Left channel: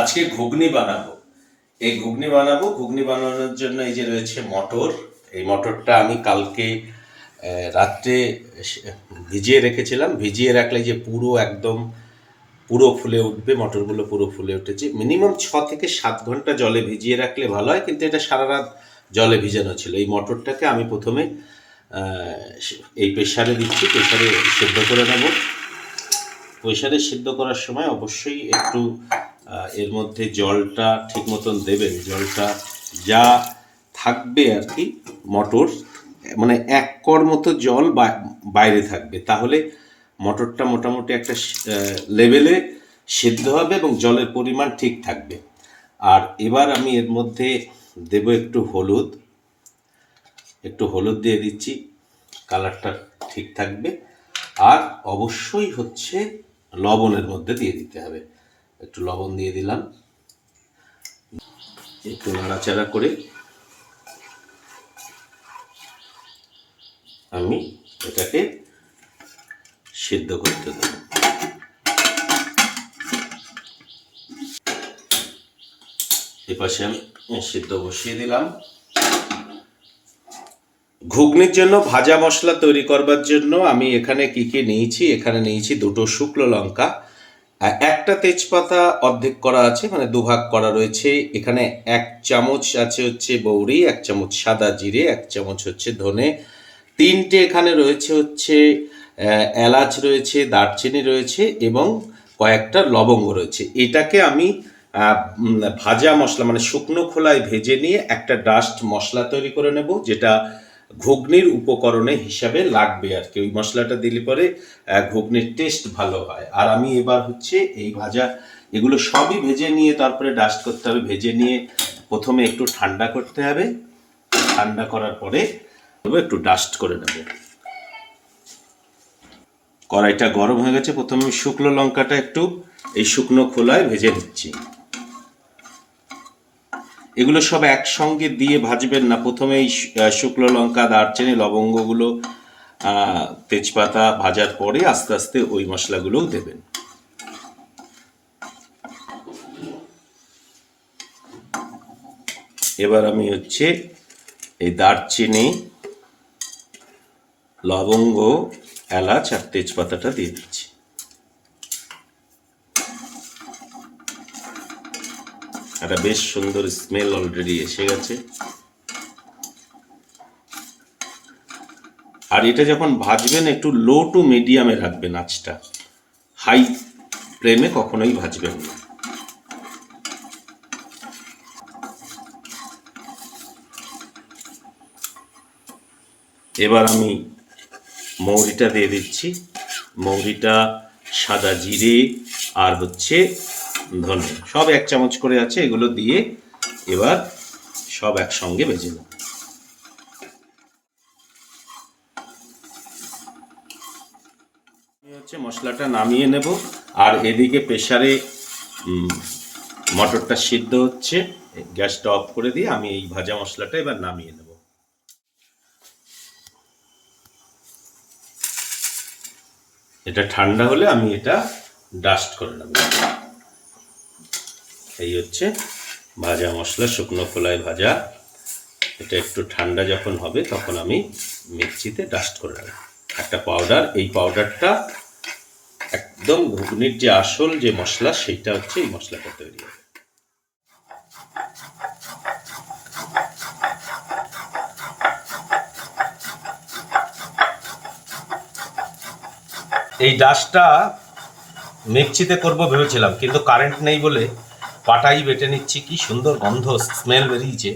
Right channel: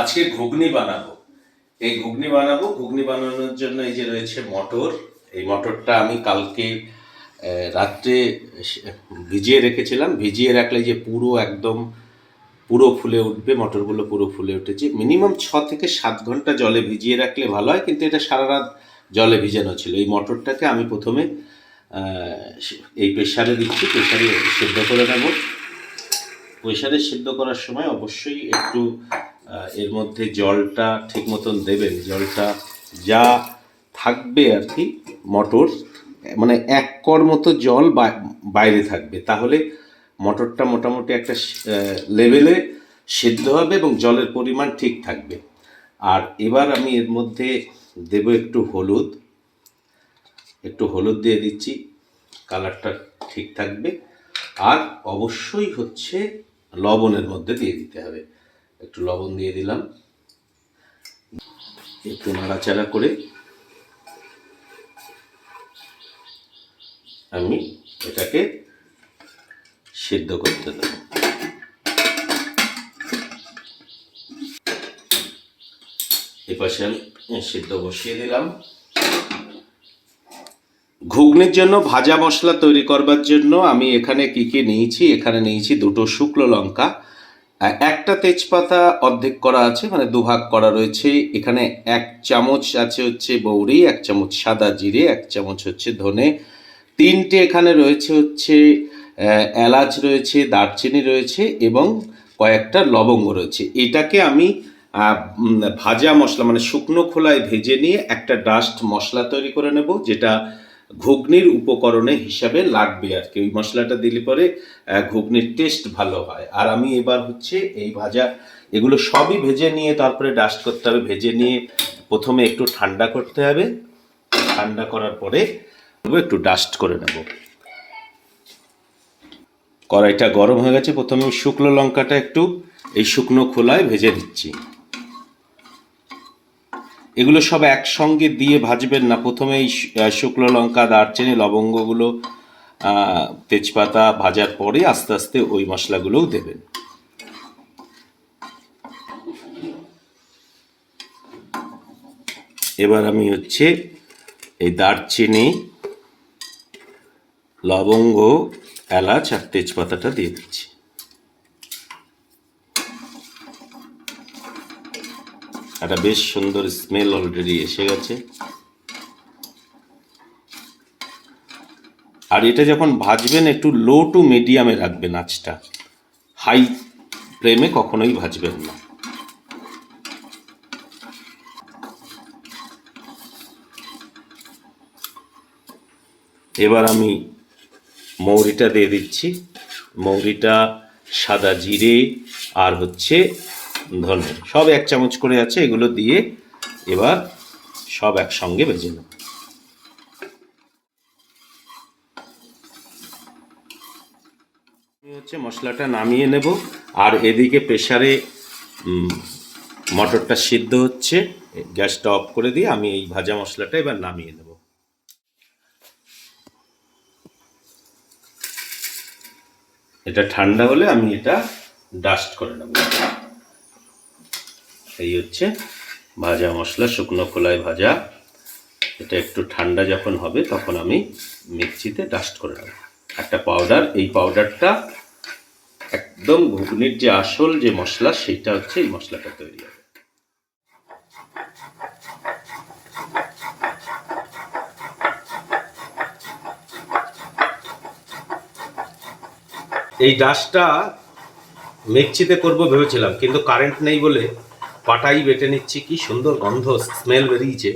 আজকে ঘুগনি বানাবো। এই ঘুগনি বানাবো। ঘুগনি বানানোর জন্য এই যে রয়েছে মটর। এই মটরটা আমি কালকে রাত্রে ভিজিয়ে রেখেছিলাম। ভিজিয়ে রাখলে যে পুরো একদম পুরো ফুলে উঠবে, মটরগুলো পুরো ফুলে উঠেছে। মিনিমাম ছ থেকে সাত ঘণ্টা জলে ভিজিয়ে রাখলে ভালো হয়, কিন্তু এটা সারা রাত জলে ভিজানো ছিল। এই মটরটাকে আমি প্রথমে এই প্রেশারে দিচ্ছি প্রেশারে সেদ্ধ করে নেব। প্রেশারে সেদ্ধ করার সময় অবশ্যই একটু এর মধ্যে জলটা ঠিক মতন দেবেন। জলটা যা থাকবে আর কি, মটর মানে এক কর মতো জল বাইরে থাকবে। তাহলে মটরটা মোটামুটি একটা লেভেলে সিদ্ধ হবে এবং জলের পরিমাণ ঠিক থাকবে। আর এবার আমি এর মধ্যে দেব একটু হলুদ। একটু হলুদ দিয়ে দিচ্ছি, কালারটা ঠিক থাকবে। আর অবশ্যই হচ্ছে লবণের মধ্যে দিয়ে দিতে হবে। একটু লবণ দিয়ে দিলাম। একটু নাড়াচাড়া করে আমি এটাকে সিদ্ধ করতে দেব। এপাশে সিদ্ধ বসিয়ে দিলাম। ঘুগনির জন্য ভাজা মশলা তৈরি করবার জন্য আমি এখানে কি কি নিয়েছি? এখানে নিয়েছি দুটো শুকনো লঙ্কা একটা তেজপাতা অর্ধেক করা আছে মানে দুভাগ করা রয়েছে। এখানে এক চামচ আছে হচ্ছে বৌরি, এক চামচ সাদা জিরে, এক চামচ হচ্ছে ধনে। তিনটে এখানে রয়েছে হচ্ছে এলাচ রয়েছে, দারচিনি রয়েছে এবং কয়েকটা লবঙ্গ রয়েছে। এটাকে আমি ভাজা মশলা মানে শুকনো খোলায় ভেজে নিয়ে একটা ডাস্ট মশলা তৈরি করে নেব, যেটা ঘুগনির উপকরণে হিসাবে লাগবে আর কি। ওই মশলাটা দিলে পরে ঘুগনির টেস্ট ভালো হয়। আর আমি এবার হচ্ছে এই ভাজা, এগুলো সবই ভেজে নিয়ে তারপরে ডাস্ট করতে হবে। ভেজে নিয়ে প্রথমে একটু ঠান্ডা করতে হবে। ঠান্ডা করার পরে একটু ডাস্ট করে নেব। কড়াইটা গরম হয়ে গেছে। প্রথমে শুকনো লঙ্কাটা একটু এই শুকনো খোলায় ভেজে দিচ্ছি এগুলো সব একসঙ্গে দিয়ে ভাজবেন না। প্রথমে এই শুকনো লঙ্কা, দারচিনি, লবঙ্গগুলো তেজপাতা ভাজার পরে আস্তে আস্তে ওই মশলাগুলোও দেবেন। এবার আমি হচ্ছে এই দারচিনি, লবঙ্গ, এলাচ আর তেজপাতাটা দিয়ে দিচ্ছি। একটা বেশ সুন্দর স্মেল অলরেডি এসে গেছে। আর এটা যখন ভাজবেন, একটু লো টু মিডিয়ামে রাখবেন আঁচটা। হাই ফ্লেমে কখনোই ভাজবেন না। এবার আমি মৌরিটা দিয়ে দিচ্ছি। মৌরিটা সাদা জিরে আর হচ্ছে ধনে সব এক চামচ করে আছে, এগুলো দিয়ে এবার সব একসঙ্গে ভেজে নেব। হচ্ছে মশলাটা নামিয়ে নেব, আর এদিকে প্রেসারে মটরটা সিদ্ধ হচ্ছে, গ্যাসটা অফ করে দিয়ে আমি এই ভাজা মশলাটা এবার নামিয়ে নেব। এটা ঠান্ডা হলে আমি এটা ডাস্ট করে নেব। এই হচ্ছে ভাজা মশলা, শুকনো খোলায় ভাজা। এটা একটু ঠান্ডা যখন হবে, তখন আমি মিক্সিতে ডাস্ট করে নেব। একটা পাউডার এই পাউডারটা একদম ঘুগনির যে আসল যে মশলা, সেইটা হচ্ছে এই মশলাটা তৈরি হবে। এই ডাস্টটা মিক্সিতে করব ভেবেছিলাম, কিন্তু কারেন্ট নেই বলে পাটাই বেটে নিচ্ছি, কি সুন্দর গন্ধ স্মেল বেরিয়েছে।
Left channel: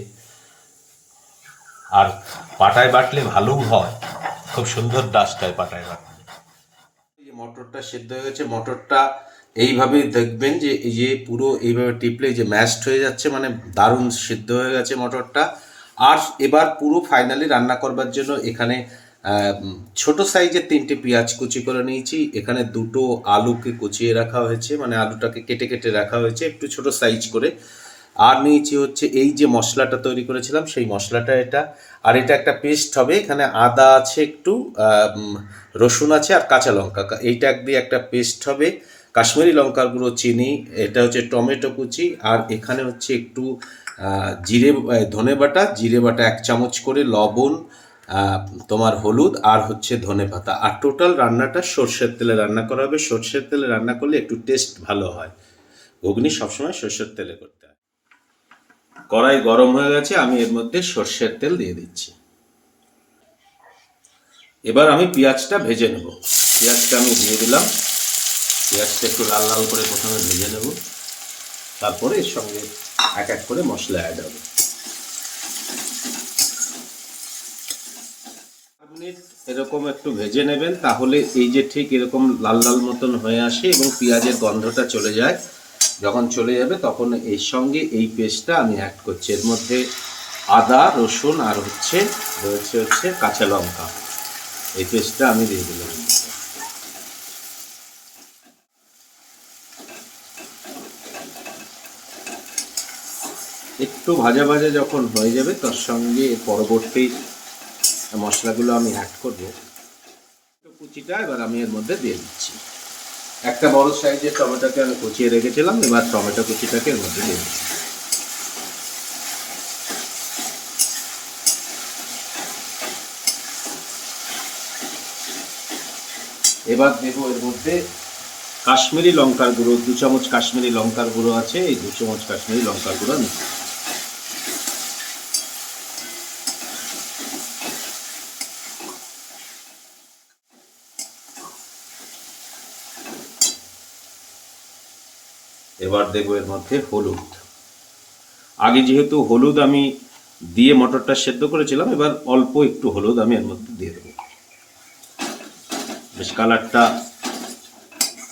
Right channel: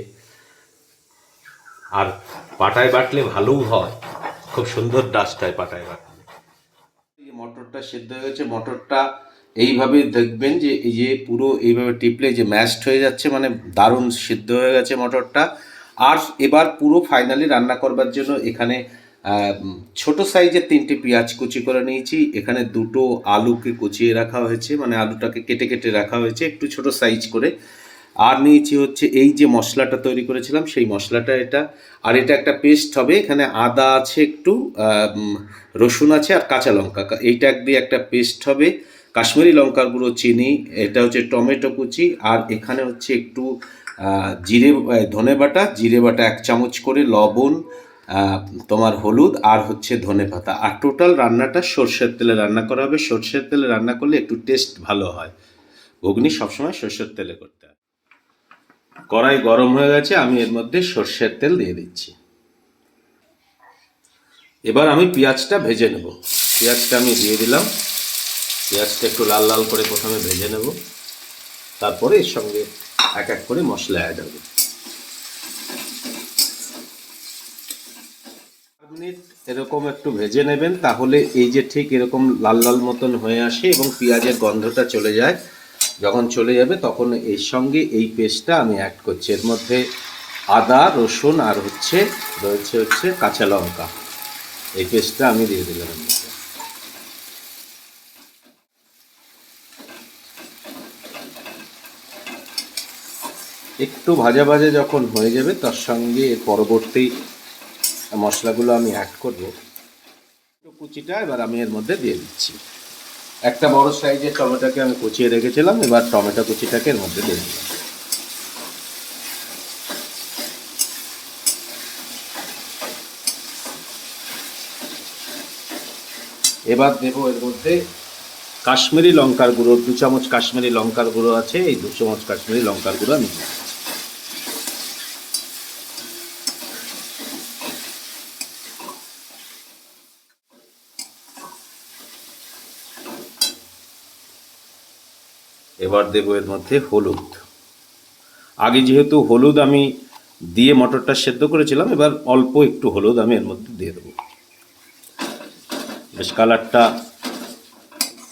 আর পাটায় বাটলে ভালোও হয়, খুব সুন্দর ডাস্ট হয় পাটায় বাটলে। মটরটা সেদ্ধ হয়ে গেছে, মটরটা এইভাবে দেখবেন যে এই যে পুরো এইভাবে টিপলে যে ম্যাশড হয়ে যাচ্ছে মানে দারুণ সিদ্ধ হয়ে গেছে মটরটা। আর এবার পুরো ফাইনালি রান্না করবার জন্য এখানে ছোট সাইজের তিনটে পেঁয়াজ কুচি করে নিয়েছি। এখানে দুটো আলুকে কুচিয়ে রাখা হয়েছে মানে আলুটাকে কেটে কেটে রাখা হয়েছে, একটু ছোট সাইজ করে। আর নিয়েছি হচ্ছে এই যে মশলাটা তৈরি করেছিলাম, সেই মশলাটা এটা। আর এটা একটা পেস্ট হবে, এখানে আদা আছে একটু রসুন আছে আর কাঁচা লঙ্কা। এইটা দিয়ে একটা পেস্ট হবে, কাশ্মীরি লঙ্কার গুঁড়ো, চিনি, এটা হচ্ছে টমেটো কুচি। আর এখানে হচ্ছে একটু জিরে ধনে বাটা, জিরে বাটা এক চামচ করে, লবণ তোমার হলুদ আর হচ্ছে ধনে পাতা। আর টোটাল রান্নাটা সর্ষের তেলে রান্না করা হবে। সর্ষের তেলে রান্না করলে একটু টেস্ট ভালো হয়। ঘুগনি সবসময় সর্ষের তেলে করতে হয়। কড়াই গরম হয়ে গেছে, আমি এর মধ্যে সর্ষের তেল দিয়ে দিচ্ছি। এবার আমি পেঁয়াজটা ভেজে নেব। পেঁয়াজটা আমি দিয়ে দিলাম। পেঁয়াজটা একটু লাল লাল করে প্রথমে ভেজে নেব। তারপরে এর সঙ্গে এক এক করে মশলা অ্যাড হবে। মিনিট এরকম একটু ভেজে নেবেন, তাহলে এই যে ঠিক এরকম লাল লাল মতন হয়ে আসে এবং পেঁয়াজের গন্ধটা চলে যায়। যখন চলে যাবে তখন এর সঙ্গে এই পেস্টটা আমি অ্যাড করছি। এর মধ্যে আদা, রসুন আর হচ্ছে, রয়েছে হচ্ছে কাঁচা লঙ্কা। এই পেস্টটা আমি দিয়ে দিলাম। একটু ভাজা ভাজা যখন হয়ে যাবে, তার সঙ্গে পরবর্তী মশলাগুলো আমি অ্যাড করব। কুচিটা এবার আমি এর মধ্যে দিয়ে দিচ্ছি। একটা বড় সাইজের টমেটোকে আমি কুচিয়ে রেখেছিলাম, এবার টমেটো কুচিটাকে এর মধ্যে দিয়ে দিচ্ছি। এবার দেবো এর মধ্যে কাশ্মীরি লঙ্কার গুঁড়ো, দু চামচ কাশ্মীরি লঙ্কার গুঁড়ো আছে, এই দু চামচ কাশ্মীরি লঙ্কার গুঁড়ো আমি এবার দেবো এর মধ্যে হলুদ। আগে যেহেতু হলুদ আমি দিয়ে মটরটা সেদ্ধ করেছিলাম, এবার অল্প একটু হলুদ আমি এর মধ্যে দিয়ে দেবো। বেশ কালারটা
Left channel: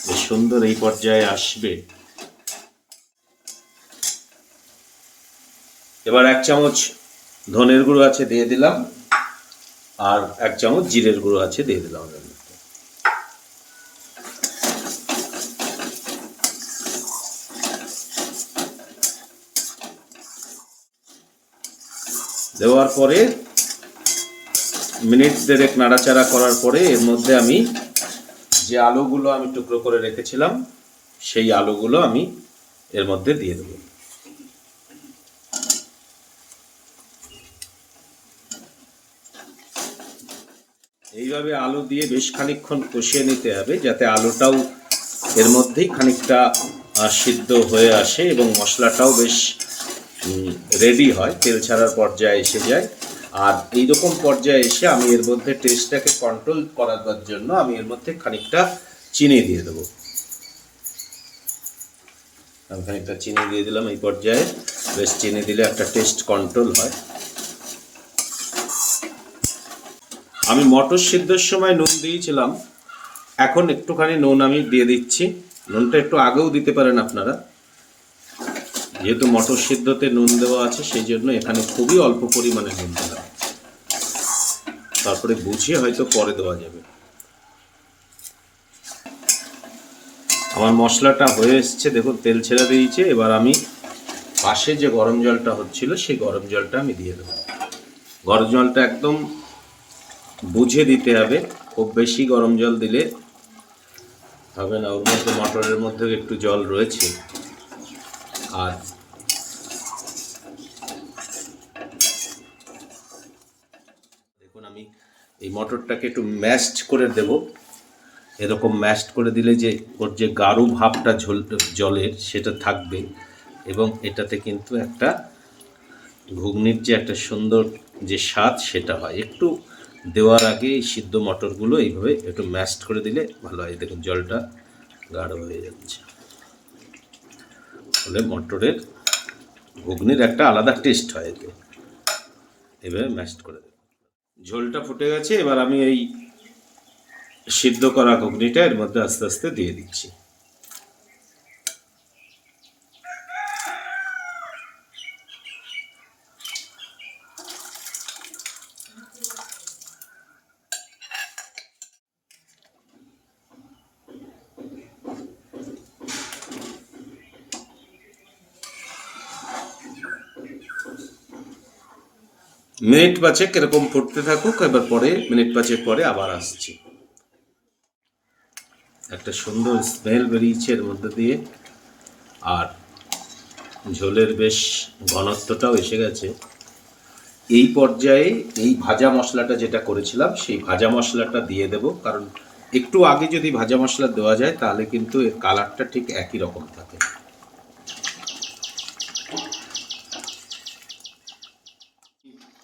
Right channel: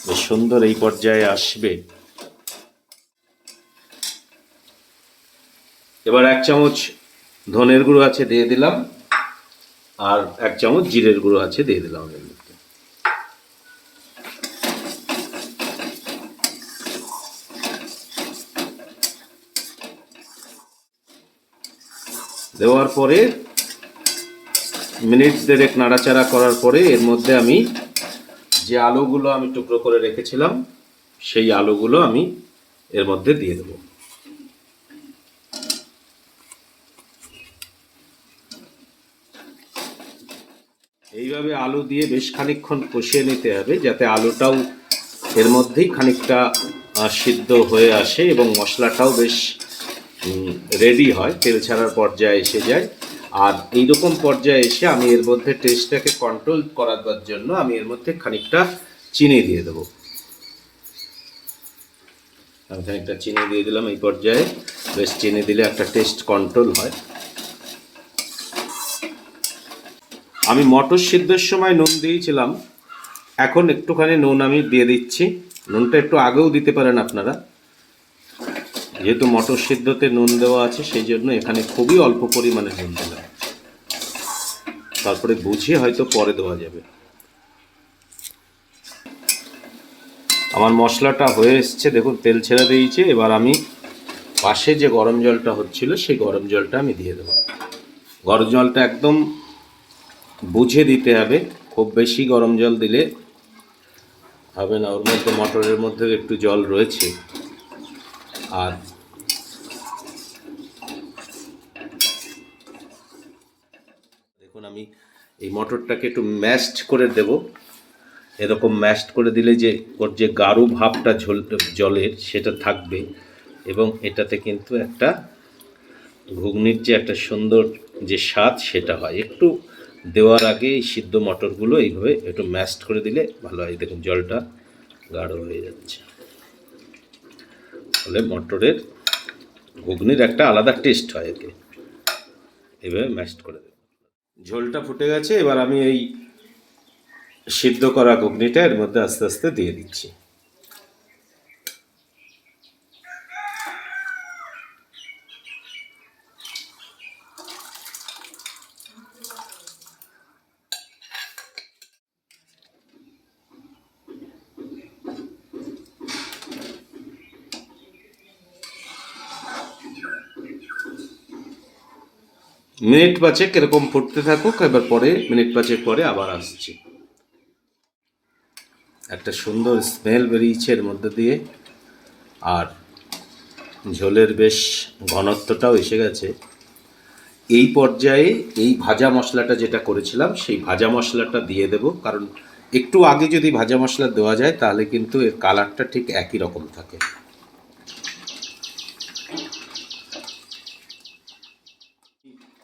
বেশ সুন্দর এই পর্যায়ে আসবে। এবার এক চামচ ধনের গুঁড়ো আছে দিয়ে দিলাম, আর এক চামচ জিরের গুঁড়ো আছে দিয়ে দিলাম এর মধ্যে দেওয়ার পরে মিনিট দেড়েক নাড়াচাড়া করার পরে এর মধ্যে আমি যে আলুগুলো আমি টুকরো করে রেখেছিলাম, সেই আলুগুলো আমি এর মধ্যে দিয়ে দেবো। এইভাবে আলু দিয়ে বেশ খানিকক্ষণ কষিয়ে নিতে হবে, যাতে আলুটাও এর মধ্যেই খানিকটা সিদ্ধ হয়ে আসে এবং মশলাটাও বেশ রেডি হয়, তেল ছাড়ার পর্যায়ে এসে যায়। আর এইরকম পর্যায়ে এসে আমি এর মধ্যে টেস্টটাকে কন্ট্রোল করার জন্য আমি এর মধ্যে খানিকটা চিনি দিয়ে দেবো। আমি খানিকটা চিনি দিয়ে দিলাম এই পর্যায়ে। বেশ চিনি দিলে একটা টেস্ট কন্ট্রোল হয়। আমি মটর সিদ্ধের সময় নুন দিয়েছিলাম। এখন একটুখানি নুন আমি দিয়ে দিচ্ছি। নুনটা একটু আগেও দিতে পারেন আপনারা। যেহেতু মটর সিদ্ধতে নুন দেওয়া আছে, সেই জন্য এখানে খুবই অল্প পরিমাণে নুন দিলাম তারপরে বুঝিয়ে হয়তো পরে দেওয়া যাবে। আমার মশলাটা হয়ে এসছে, দেখুন, তেল ছেড়ে দিয়েছে। এবার আমি পাশে যে গরম জলটা হচ্ছিল, সেই গরম জলটা আমি দিয়ে দেবো। গরম জলটা একদম বুঝে দিতে হবে। খুব বেশি গরম জল দিলে হবে না। ওর মধ্যে মটরের মধ্যে একটু জল রয়েছে। আর দেখুন আমি এই মটরটাকে একটু ম্যাশড করে দেব। এরকম ম্যাশড করে দিলে যে ওর যে গাঢ় ভাবটা ঝোল জলের সেটা থাকবে এবং এটাতে কিন্তু একটা ঘুগনির যে একটা সুন্দর যে স্বাদ সেটা হয়। একটু দেওয়ার আগে এই সিদ্ধ মটরগুলো এইভাবে একটু ম্যাশড করে দিলে ভালো হয়। দেখুন জলটা গাঢ় হয়ে যাচ্ছে। ফলে মটরের ঘুগনির একটা আলাদা টেস্ট হয় এতে এভাবে ম্যাশ করে দেব। ঝোলটা ফুটে গেছে, এবার আমি এই সিদ্ধ করা ঘুগনিটা এর মধ্যে আস্তে আস্তে দিয়ে দিচ্ছি। মিনিট পাঁচেক এরকম ফুটতে থাকুক, এবার পরে, মিনিট পাঁচেক পরে আবার আসছি। একটা সুন্দর স্মেল বেরিয়েছে এর মধ্যে দিয়ে, আর ঝোলের বেশ ঘনত্বটাও এসে গেছে। এই পর্যায়ে এই ভাজা মশলাটা যেটা করেছিলাম, সেই ভাজা মশলাটা দিয়ে দেব, কারণ একটু আগে যদি ভাজা মশলা দেওয়া যায়, তাহলে কিন্তু এর কালারটা ঠিক একই রকম থাকে।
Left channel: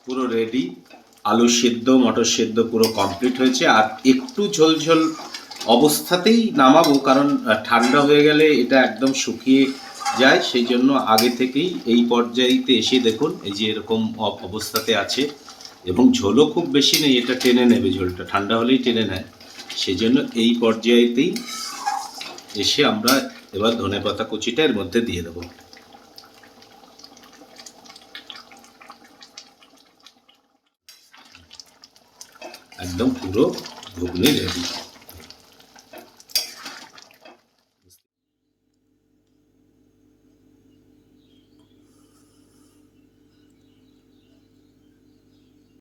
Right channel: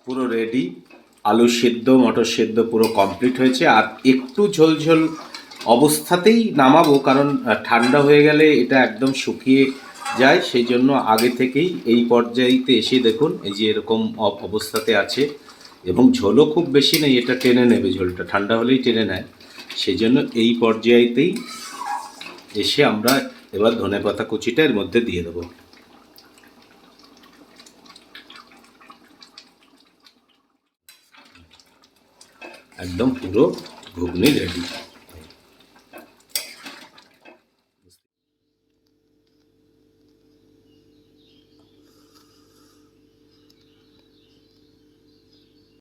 পুরো রেডি আলু সেদ্ধ, মটর সেদ্ধ পুরো কমপ্লিট হয়েছে। আর একটু ঝোল ঝোল অবস্থাতেই নামাবো, কারণ ঠান্ডা হয়ে গেলে এটা একদম শুকিয়ে যায়। সেই জন্য আগে থেকেই এই পর্যায়েতে এসে দেখুন, এই যে এরকম অবস্থাতে আছে। এবং ঝোলও খুব বেশি নেই, এটা টেনে নেবে ঝোলটা। ঠান্ডা হলেই টেনে নেয়। সেই জন্য এই পর্যায়েতেই এসে আমরা এবার ধনেপাতা কুচিটা এর মধ্যে দিয়ে দেবো। একদম পুরো ঘুগনি রেডি